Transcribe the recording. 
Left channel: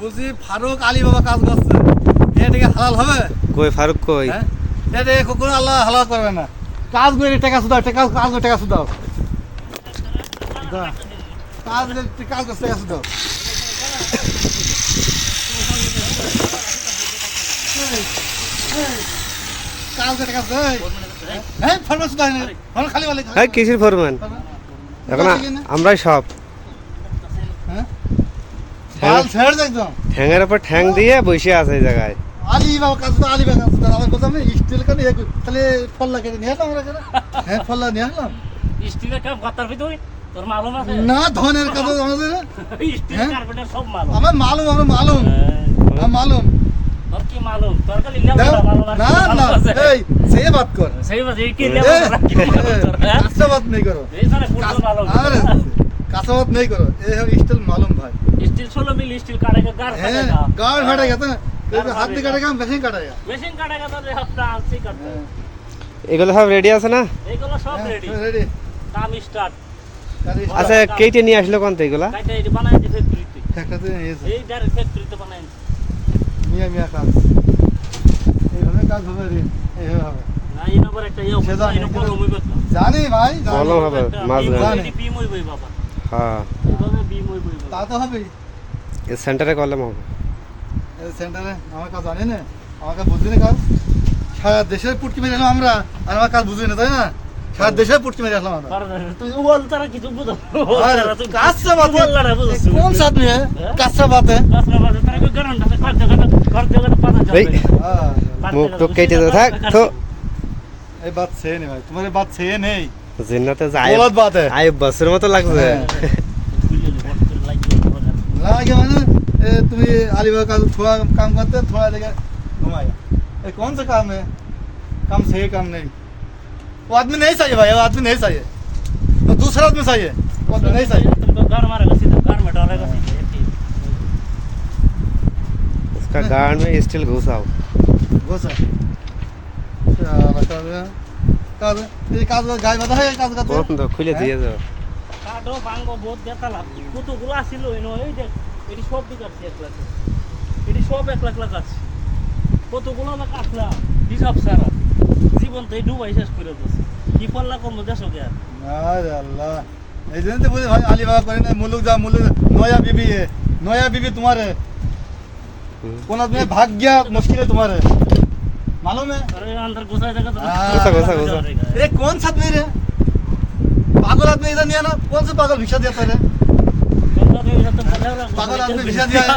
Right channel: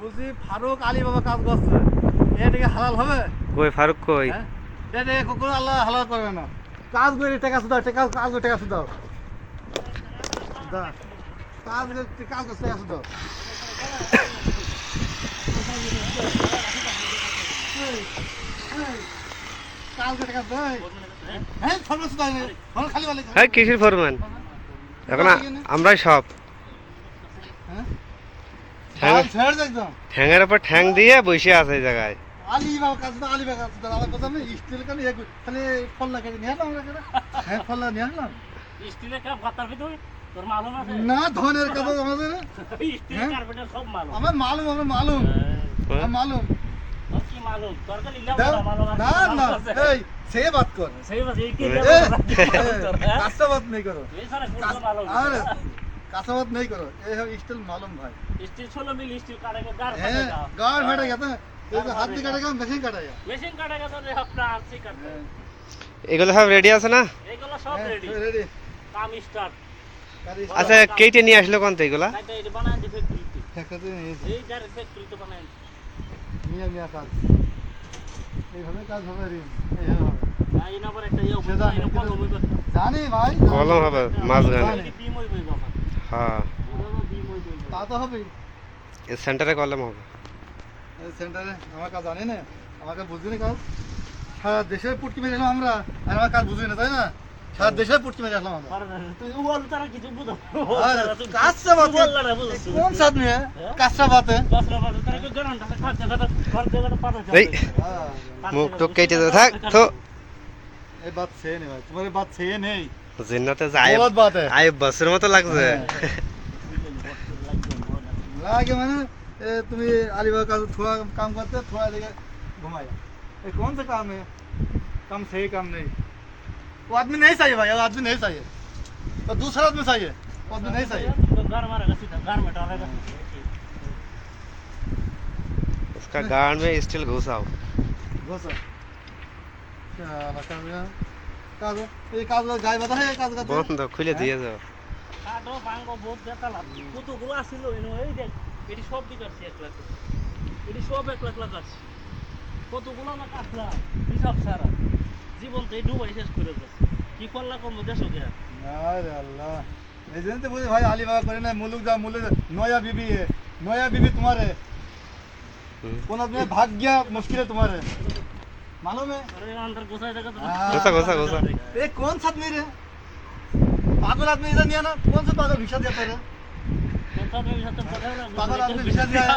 বুঝি ফারুক আলী বাবা কাজ করছে, এটাকে হালাল হবে? কই ফারুক কই? এটা কোনো আল্লাহ হালাল করবে না। কাজ করে টাকা শুধাও, কাজ করে টাকা শুধাও, কাজ কাজ করছে টাকা শুধাও। কাজ করে টাকা শুধাও। হ্যাঁ ফরমান শুধাও, ফরমান খালি বলে। হ্যাঁ কিসের ফরমান? এখন আমরাই সব ঠ্যাঙের উপর ঠ্যাং দিয়ে বসে আছে এই জায়গায়। আলী বাবা কাজ তো আলী বাবা কাজ তো আমার কথা আমি স্টিল কেন তাহলে ফল্লা কেটে নিয়ে আসলাম আমরা। হ্যাঁ ফল্লা নিয়ে আসলাম। স্টিলের কাপ কথার ভিতর তোর মালুম আছে না? ধনের কথা আমাদের স্টিল কার্পেটের সব মালুম আমার মালুম, আমার মালুম, আমার মালুম। তোর কি মালুম? তোর খালি লেবুটা মালুম আছে। না না এই সে বাত কর, সেই বাজে এই কি লেবু তোর? হ্যাঁ কাঁচা বাত নেই করো, এই মানে পুরো মালুম আরে কাঁচা বাত নেই করো। এই হবে স্টিল মালুম ভাই। स्टील 16 मिल स्टील काटेगा गार হ্যাঁ काटेगा গাড় ফাটেগা তো হাত দিয়ে কাটেগা মেশিন কাটেগা। मशीन काटेगा तो अपना हाथ से करता है। এগুলো সব রেডি আছে না? এগুলো সব রেডি, রেডি কাম স্টার্ট। আচ্ছা কেটে নিয়ে আসলো কোন তো এগুলা? কাইটা এটি বানাই দিতে ফ্যাক্টরিতে, ফ্যাক্টরিতে এসে এই গাড়ি ফ্যাক্টরিতে বানাই। মিয়া মিয়া কাজ এইভাবে কাজ হবে রে, এইভাবে হবে। আর এই নম্বর একটা ইয়ে সেটা এটা কলম হইবে না। জানি ভাই, জানি। কলম হবে মাছ গান। এটি বিম হইবে বাবা, হ্যাঁ এইভাবে বিম হইবে তা তো হবে। এই সেন্টারে কলম হবে। এই সেন্টারে আমার কাজ জানি না, আমার কাজ বুঝি না। কাজ সারা দেশে পুটকি মেরে আসলাম আমরা, আর আমার কাজ বুঝি না, তাই না? সারা দেশে পুটকি মেরে আসলাম আমরা। তুই ওয়াল তারা কিছু বুঝো? কাঁচা বাত ওয়াল না বুঝছ? কোন সাথ নিয়ে কাঁচা বাত? কাঁচা বাত তারা কই গারন আছে কাট জায়গাটা ঘর জায়গাটা পাতা যাবে। এই মুখ তো কেটে দে থাক তো। এই বাত সে নেই ভাই, তোমার বাত সে নেই। জিন্নাতে যায় গলত বাত है। আই বসের মতো লাগছে। লাগে মানে তুমি अलीबाग का थोड़ा काम करते हैं, थोड़ा जगह घुमाया। ये कौन सा काम है? काम सही काम नहीं। वो आदमी नहीं चाहिए भाई, वो आदमी नहीं चाहिए, तो दूसरा आदमी चाहिए, वो आदमी नहीं चाहिए। तुमको घर मारेगा सीधा, घर में डालेगा सीधा। उसका गांड में स्टील घुसाओ। घुसा কাজ এই কাজ গায়ে বাঁধা হয়, এই কাজ কাজ বন্ধ খুলে দিয়ে যাও। কাটো ভাঙবো বহুত ব্যথা লাগবে। কতগুলো আসিল ইনো, এই দেখ এটি সব দিকাচ্ছি 1 লাখ, এটি সব 1 লাখ লাগাচ্ছি। কতগুলো না কাটলাম হিসাব সারা জীবন তো এই ডুবাই শেষ করে দিচ্ছে। কি পাল্লা কম দেশো কে আর? আরে আল্লাহ, এই জন্য তো বলি ভাই अलीबाग করে না। मुल्क जा मुल्क, नया बीबी है, नया बीबी तुम्हारे कौन आदमी भाग गया, मुश्किल है तुम्हारे, मालूम है? अरे अंदर घुसा जाएगा तो घुसा घुसा घुसा। ये कौन सा आदमी रे? पागल आदमी इधर नहीं आना। कौन सा पागल भिक्षा देता है रे? पागल पागल आदमी भिक्षा दिया है।